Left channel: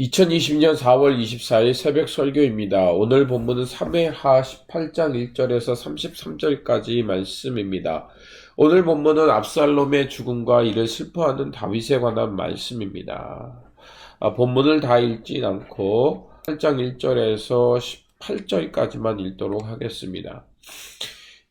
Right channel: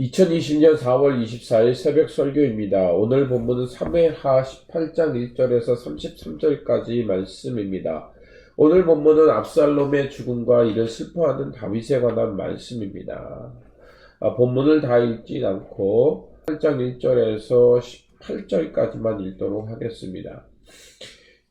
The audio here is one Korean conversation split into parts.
2020년 4월 24일 새벽 설교입니다. 오늘 본문은 사무엘하 18장 1절에서 33절까지 말씀입니다. 오늘 본문은 압살롬의 죽음과 이를 슬퍼하는 다윗에 관한 말씀입니다. 본문을 다 읽진 않고 8장 1절에서 18절까지만 읽도록 하겠습니다.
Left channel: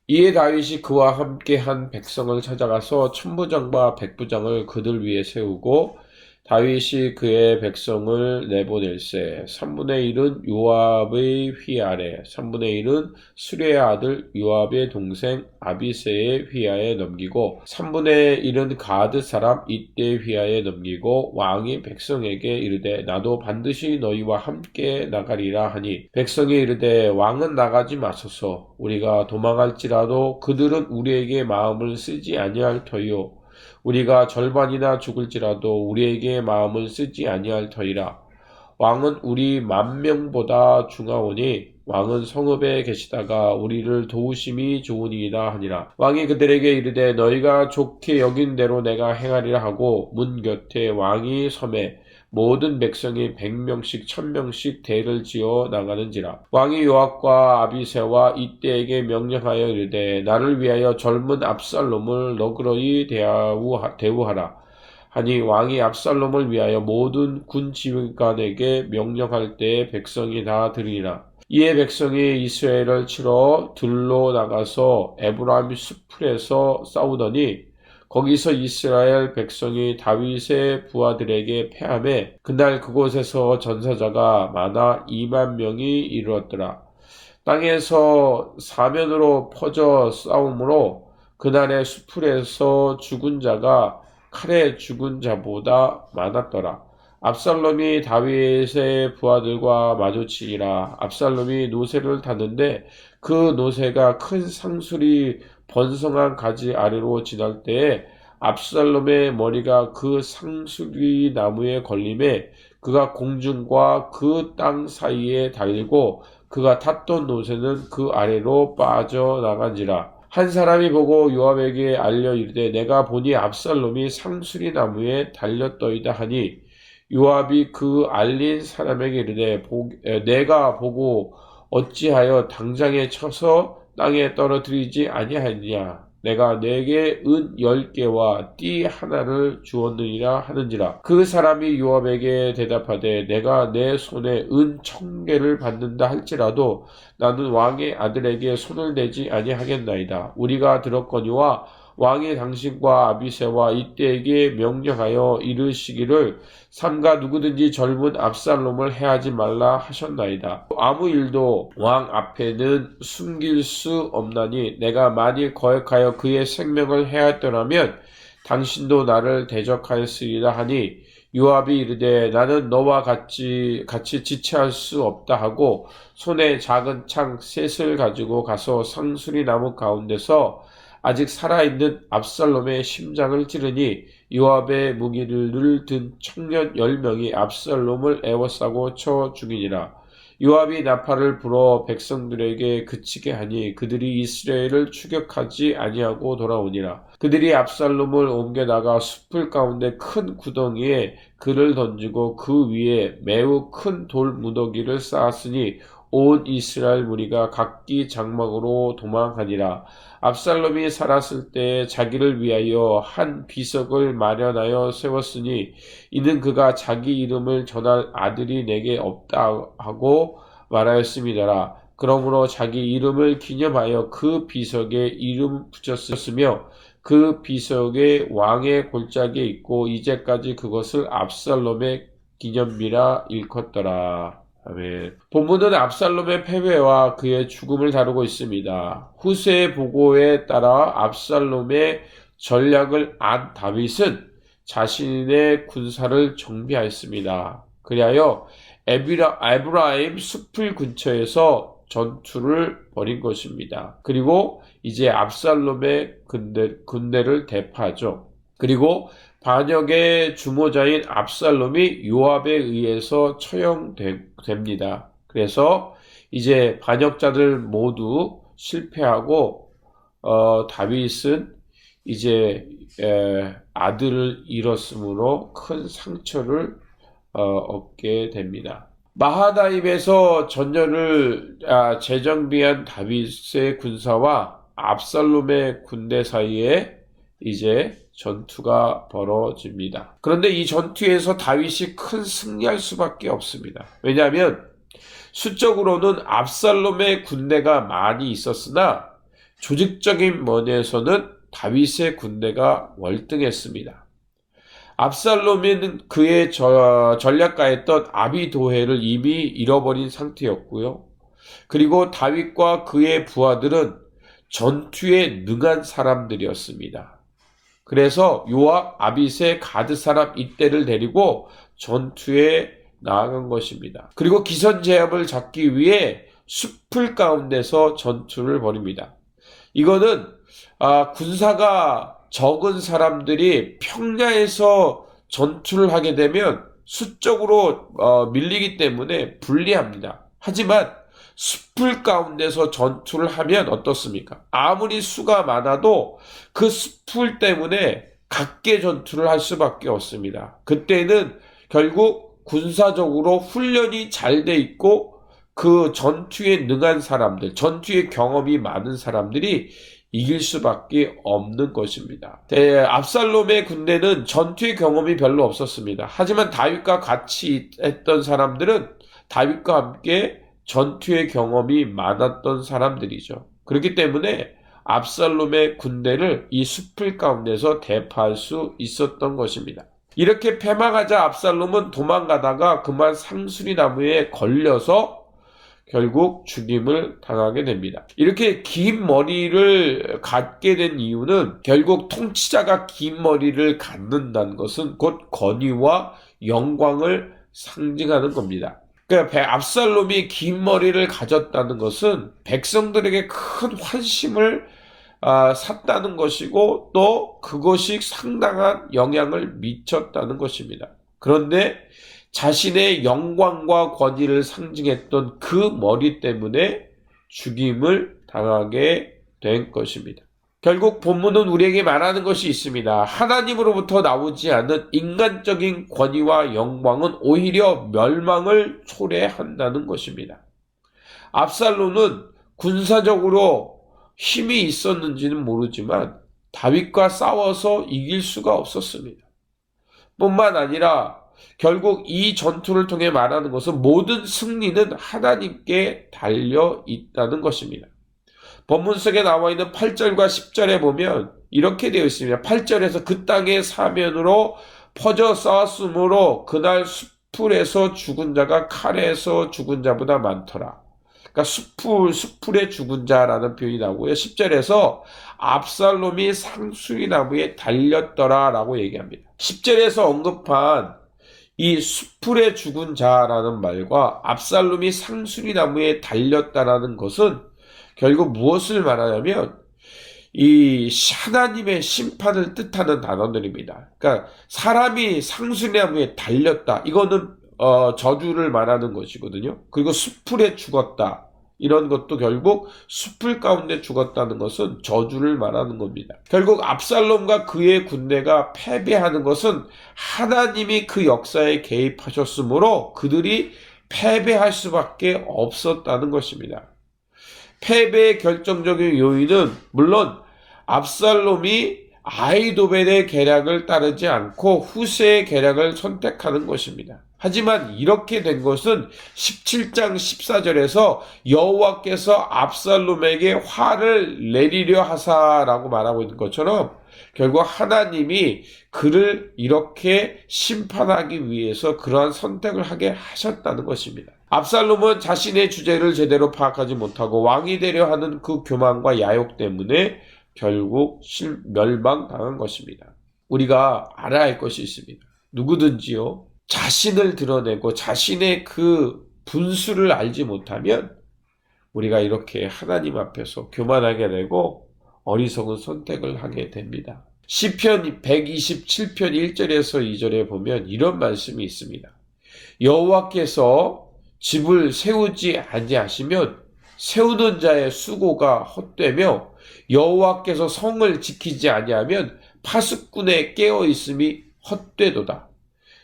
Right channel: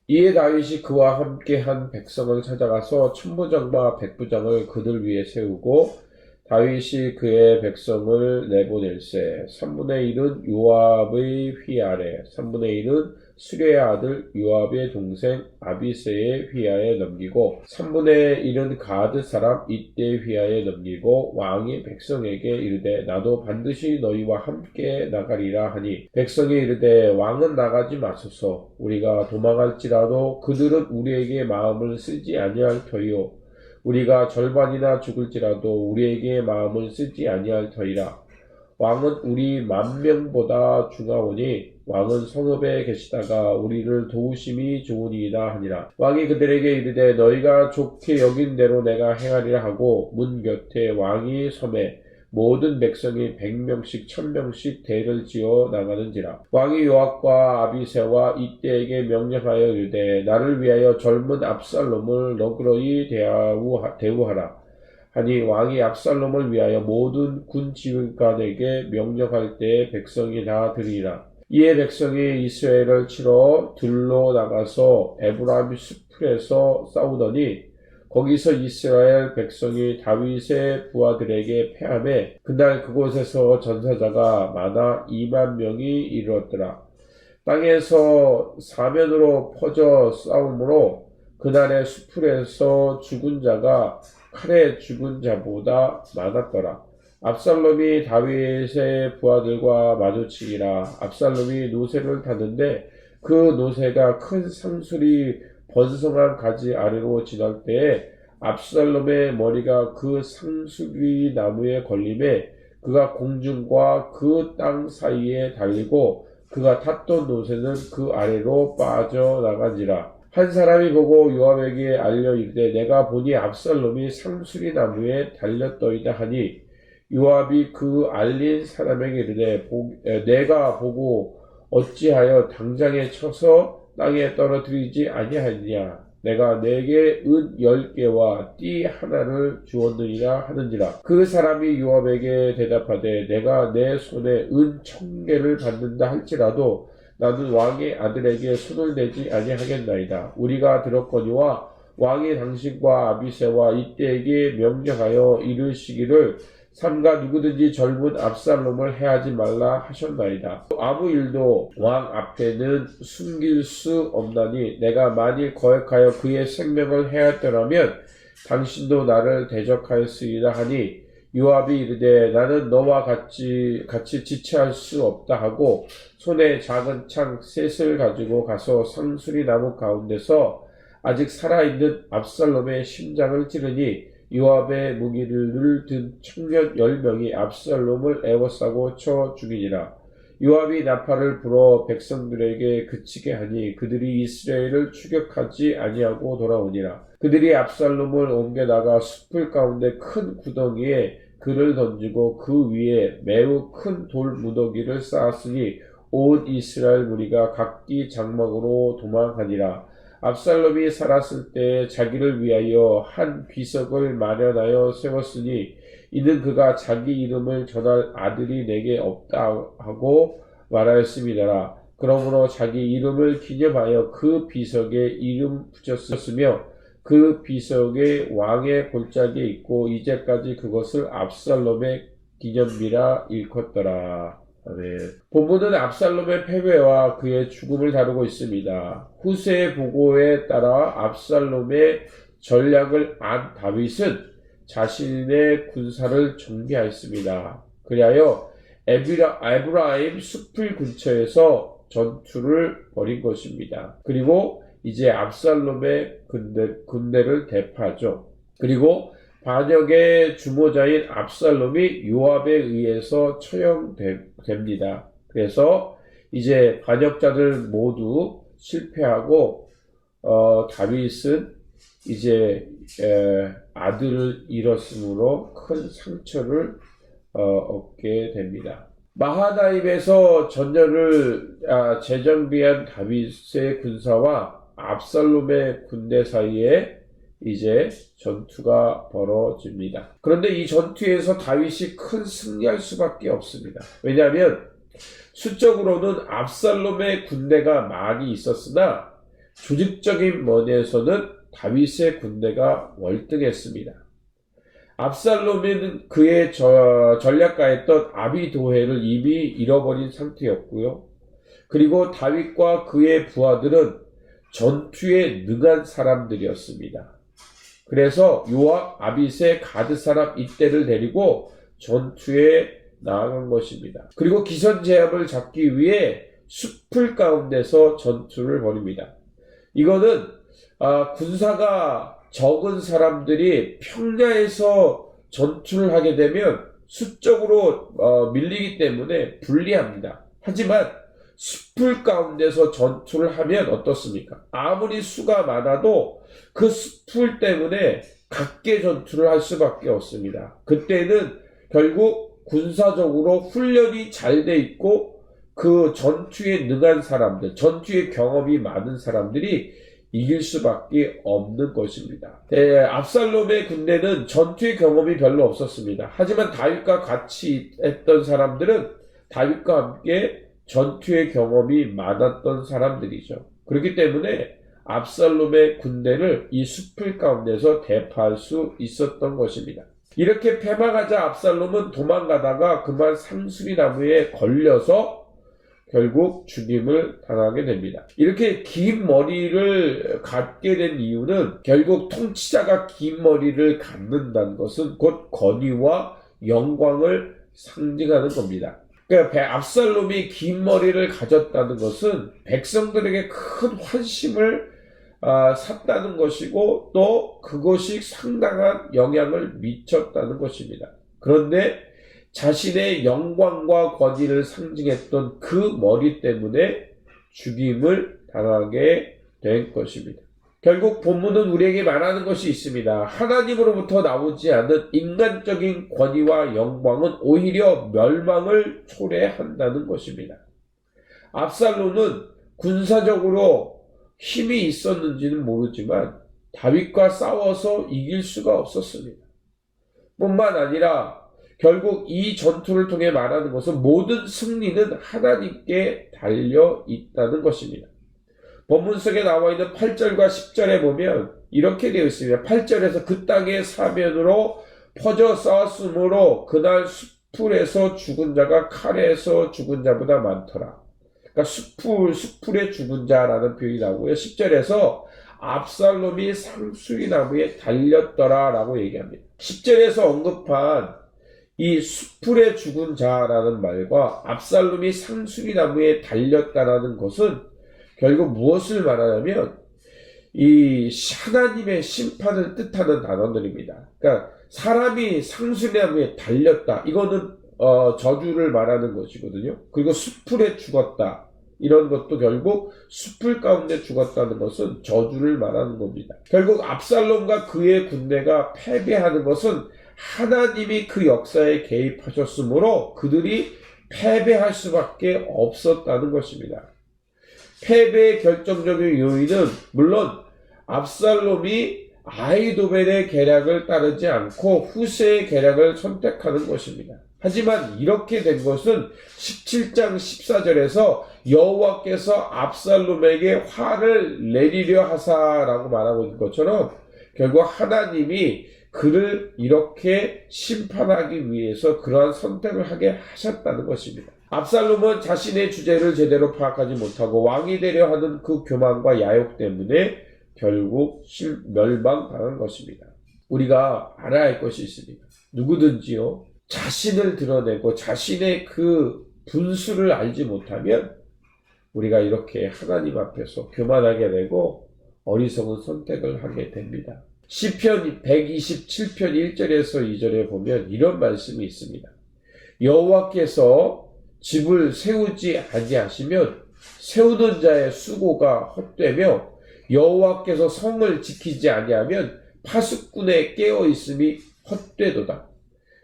이에 다윗이 그와 함께 한 백성을 찾아가서 천부장과 백부장을 그들 위에 세우고 다윗이 그의 백성을 내보낼세 3분의 1은 요압의 휘하래 3분의 1은 수레의 아들 요압의 동생 아비새의 휘하에 넘기고 3분의 1은 가드 사람 이때의 휘하에 넘기고 왕이 백성에게 이르되 나도 반드시 너희와 함께 나가리라 하니 백성이 이르되 왕은 나가지 마소서 우리가 도망할지라도 그들은 우리에게 마음을 쓰지 아니할 터이요 우리가 절반이나 죽을지라도 우리에게 마음을 쓰지 아니할 터이라. 왕은 우리 10,000명보다 중하오니 왕은 성읍에 계시다가 우리를 도우심이 좋으니이다 하니라. 왕이 그들에게 이르되 너희가 좋게 여긴 대로 내가 행하리라 하고 문 곁에 왕이 섬에 모든 백성이 100명씩 1000명씩 대를 지어 나가는지라. 왕이 요압과 아비새와 이때에게 명령하여 이르되 나를 위하여 젊은 압살롬을 너그러이 대우하라. 하니 왕이 압살롬을 위하여 모든 군 지휘관에게 명령할 때에 백성이 다 들으리라. 이에 백성이 이스라엘을 치러 들로 나가서 에브라임 수풀에서 싸우더니 거기서 이스라엘 백성이 다윗의 부하들에게 패하매 그날 그곳에서 전사자가 많아 20,000명이 이르렀더라. 땅에서 사면으로 퍼져 싸움으로 그날의 수풀에서 죽은 자가 칼에 죽은 자보다 많았더라. 압살롬이 다윗의 부하들과 마주치니라. 압살롬이 노새를 탔는데 그 노새가 큰 상수리 번성한 가지 아래로 지날 때에 압살롬의 머리가 그 상수리 나무에 걸림에 그가 공중과 그 땅 사이에 달리고 그가 탔던 노새는 그 아래로 빠져나간지라. 한 사람이 보고 요압에게 알려 이르되 내가 보니 압살롬이 상수리 나무에 달렸더이다 하니 요압이 그 알린 사람에게 이르되 내가 보고 어찌하여 당장에 쳐서 땅에 떨어뜨리지 아니하느냐 내가 내게 은 10개와 띠 하나를 주었느니라 하는지라. 그 사람이 요압에게 대답하되 내가 내 손에 은 1000개를 받는다 할지라도 나는 왕의 아들에게 손을 대지 아니하겠나이다. 우리가 들었거니와 왕이 당신과 아비새와 이때에게 명령하여 이르시기를 삼가 누구든지 젊은 압살롬을 해하지 말라 하셨나이다. 아무 일도 왕 앞에는 숨길 수 없나니 내가 만일 거역하여 그의 생명을 해하였더라면 당신도 나를 대적하였으리라 하니 요압이 이르되 나는 너와 같이 지체할 수 없다 하고 손에 작은 창 셋을 가지고 가서 상수리 나무 가운데서 아직 살아있는 압살롬의 심장을 찌르니 요압의 무기를 든 청년 10명이 압살롬을 에워싸고 쳐 죽이니라. 요압이 나팔을 불어 백성들에게 그치게 하니 그들이 이스라엘을 추격하지 아니하고 돌아오니라. 그들이 압살롬을 옮겨다가 숲을 가운데 큰 구덩이에 그를 던지고 그 위에 매우 큰 돌 무더기를 쌓았으니 온 이스라엘 무리가 각기 장막으로 도망하니라. 압살롬이 살았을 때 자기를 위하여 한 비석을 마련하여 세웠으니 이는 그가 자기 이름을 전할 아들이 내게 없다 하고 말하였음이더라. 그러므로 자기 이름을 기념하여 그 비석에 이름 붙였으며 그 비석에 왕의 골짜기에 있고 이제까지 그것을 압살롬의 기념비라 일컫더라. 아멘. 본문은 압살롬의 패배와 그의 죽음을 다루고 있습니다. 후세의 보고에 따라 압살롬의 전략을 안 다윗은 자신의 군사를 정비하였습니다. 그리하여 에브라임 숲을 근처에서 전투를 벌인 것입니다. 그리고 이제 압살롬의 군대를 대파하죠. 그리고 반역의 주모자인 압살롬이 요압에 의해서 처형됩니다. 그래서 이제 반역자들 모두 실패하고 다윗은 이제 아들을 잃었으므로 큰 상처를 얻게 됩니다. 마하나임에서 전열을 재정비한 다윗의 군사와 압살롬의 군대 사이에 이제 전투가 벌어집니다. 그런데 이 전투에서 다윗이 큰 승리할 수밖에 없습니다. 왜냐하면 수적으로는 압살롬의 군대가 많이 있었으나 조직적인 면에서는 다윗의 군대가 월등했습니다. 압살롬은 그의 전략가였던 아비도헬을 이미 잃어버린 상태였고요. 그리고 다윗과 그의 부하들은 전투에 능한 사람들이었습니다. 그래서 요압, 아비새, 가드 사람 이때를 데리고 전투에 나아간 것입니다. 그리고 기선제압을 잡기 위해 숲풀 가운데서 전투를 벌입니다. 이거는 군사가 적은 사람들이 평야에서 전투를 하게 되면 수적으로 밀리기 때문에 불리합니다. 하지만 숲풀 가운데서 전투를 하면 어떻습니까? 아무리 수가 많아도 그 숲풀 때문에 각계 전투를 할 수밖에 없습니다. 그때는 결국 군사적으로 훈련이 잘 돼 있고 그 전투에 능한 사람들, 전투의 경험이 많은 사람들이 이길 수밖에 없는 것입니다. 압살롬의 군대는 전투의 경험이 별로 없었습니다. 하지만 다윗과 같이 했던 사람들은 다윗과 함께 전투의 경험이 많았던 사람들이죠. 그렇기 때문에 압살롬의 군대를 이 숲풀 가운데서 대파할 수 있었던 것입니다. 이렇게 패망하자 압살롬은 도망가다가 그만 상수리 나무에 걸려서 결국 죽임을 당하게 됩니다. 이렇게 긴 머리를 갖게 된 이유는 결국 통치자가 긴 머리를 갖는다는 것은 곧 권위와 영광을 상징하는 겁니다. 그러니까 압살롬이 긴 머리를 가졌다는 것은 백성들에게 큰 환심을 샀다는 것이고 또 그것이 상당한 영향을 미쳤다는 것입니다. 그런데 자신의 영광과 권위를 상징했던 그 머리 때문에 죽임을 당하게 된 것입니다. 결국 본문은 우리에게 말하는 것이 있습니다. 하나님으로부터 나오지 않은 인간적인 권위와 영광은 오히려 멸망을 초래한다는 것입니다. 압살롬은 군사적으로 힘이 있었는지는 모르지만 다윗과 싸워서 이길 수가 없었습니다. 뿐만 아니라 결국 이 전투를 통해 말하는 것은 모든 승리는 하나님께 달려 있다는 것입니다. 본문 속에 나와 있는 8절과 10절에 보면 이렇게 되어 있습니다. 8절에서 그 땅의 사면으로 퍼져 싸웠으므로 그날 숲풀에서 죽은 자가 칼에서 죽은 자보다 많더라. 그러니까 숲풀에 죽은 자라는 표현이 나오고요. 10절에서 압살롬이 상수리 나무에 달렸더라 라고 얘기합니다. 10절에서 언급한 이 숲풀에 죽은 자라는 말과 압살롬이 상수리 나무에 달렸다라는 것은 결국 무엇을 말하냐면 이 하나님의 심판을 뜻하는 단어들입니다. 그러니까 사람이 상수리 나무에 달렸다. 이거는 저주를 말하는 것이거든요. 그리고 숲풀에 죽었다. 이런 것도 결국 숲풀 가운데 죽었다는 것은 저주를 말하는 겁니다. 결국 압살롬과 그의 군대가 패배하는 것은 하나님이 그 역사에 개입하셨으므로 그들이 패배할 수밖에 없었다는 것입니다. 패배의 결정적인 요인은 물론 압살롬이 아히도벨의 계략을 따르지 않고 후세의 계략을 선택하는 것입니다. 하지만 이렇게 된 것은 17장 14절에서 여호와께서 압살롬에게 화를 내리려 하사라고 말하고 있는 것처럼 결국 하나님이 그를 이렇게 심판하기 위해서 그러한 선택을 하게 하셨다는 것입니다. 압살롬은 자신의 주제를 제대로 파악하지 못하고 왕이 되려 하는 그 교만과 야욕 때문에 결국 멸망당한 것입니다. 우리가 알아야 할 것이 있습니다. 누구든지요, 자신을 드러내고 자신의 그 분수를 알지 못하면 우리가 이렇게 하나님 앞에서 교만하게 되고 어리석은 선택을 하게 됩니다. 시편 127편 1절에서 2절에 보면 이런 말씀이 있습니다. 여호와께서 집을 세우지 아니하시면 세우는 자의 수고가 헛되며 여호와께서 성을 지키지 아니하면 파수꾼의 깨어 있음이 헛되도다.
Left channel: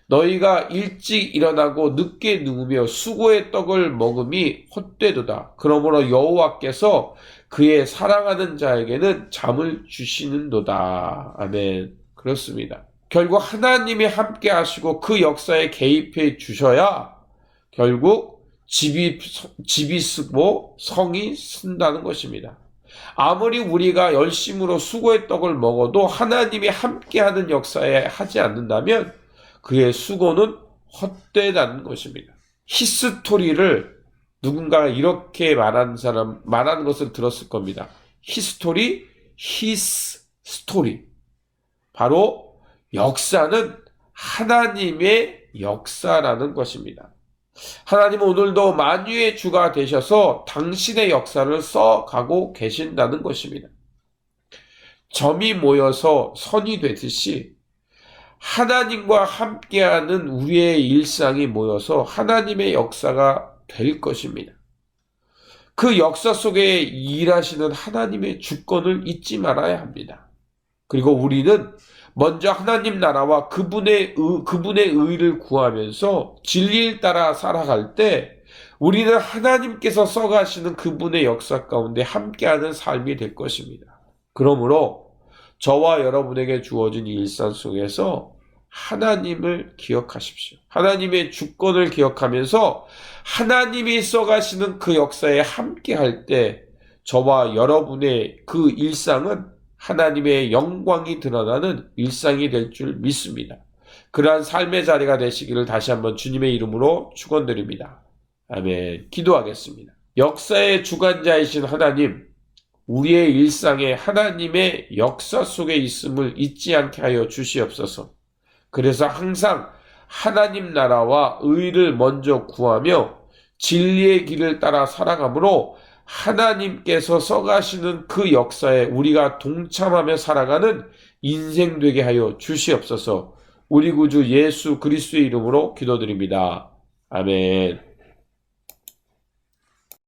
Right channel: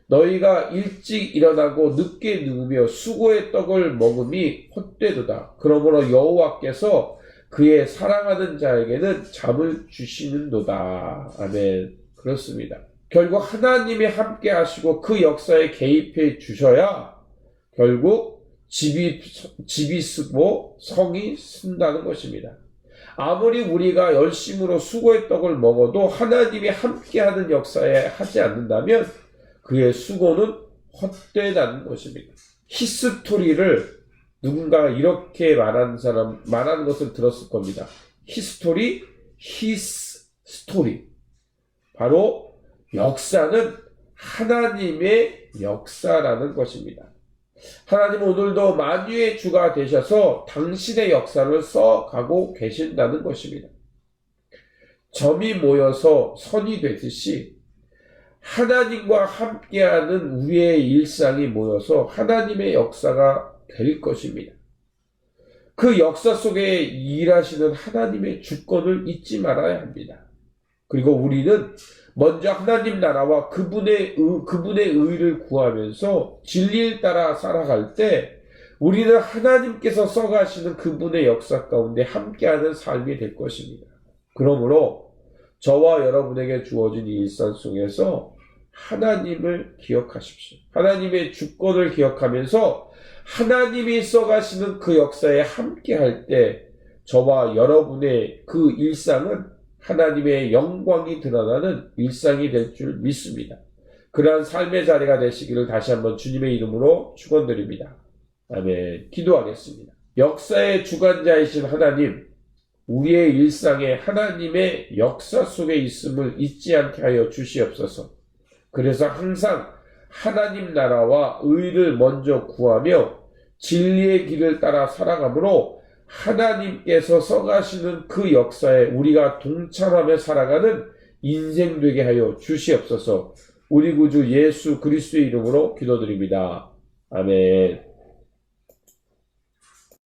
너희가 일찍 일어나고 늦게 누우며 수고의 떡을 먹음이 헛되도다. 그러므로 여호와께서 그의 사랑하는 자에게는 잠을 주시는도다. 아멘. 그렇습니다. 결국 하나님이 함께 하시고 그 역사에 개입해 주셔야 결국 집이 쓰고 성이 쓴다는 것입니다. 아무리 우리가 열심으로 수고의 떡을 먹어도 하나님이 함께하는 역사에 하지 않는다면 그의 수고는 헛되다는 것입니다. 히스토리를 누군가가 이렇게 말하는 것을 들었을 겁니다. 히스토리, 히스토리. 바로 역사는 하나님의 역사라는 것입니다. 하나님은 오늘도 만유의 주가 되셔서 당신의 역사를 써가고 계신다는 것입니다. 점이 모여서 선이 되듯이 하나님과 함께하는 우리의 일상이 모여서 하나님의 역사가 될 것입니다. 그 역사 속에 일하시는 하나님의 주권을 잊지 말아야 합니다. 그리고 우리는 먼저 하나님 나라와 그분의 의를 구하면서 진리를 따라 살아갈 때 우리는 하나님께서 써가시는 그분의 역사 가운데 함께하는 삶이 될 것입니다. 그러므로 저와 여러분에게 주어진 이 일상 속에서 하나님을 기억하십시오. 하나님의 주권을 기억하면서 하나님이 써가시는 그 역사에 함께할 때 저와 여러분의 그 일상은 하나님의 영광이 드러나는 일상이 될 줄 믿습니다. 그러한 삶의 자리가 되시기를 다시 한번 주님의 이름으로 축원드립니다. 아멘. 기도하겠습니다. 역사의 주관자이신 하나님, 우리의 일상에 하나님의 역사 속에 있음을 잊지 않게 하여 주시옵소서. 그래서 항상 하나님 나라와 의를 먼저 구하며 진리의 길을 따라 살아가므로 하나님께서 써가시는 그 역사에 우리가 동참하며 살아가는 인생 되게 하여 주시옵소서. 우리 구주 예수 그리스도의 이름으로 기도드립니다. 아멘.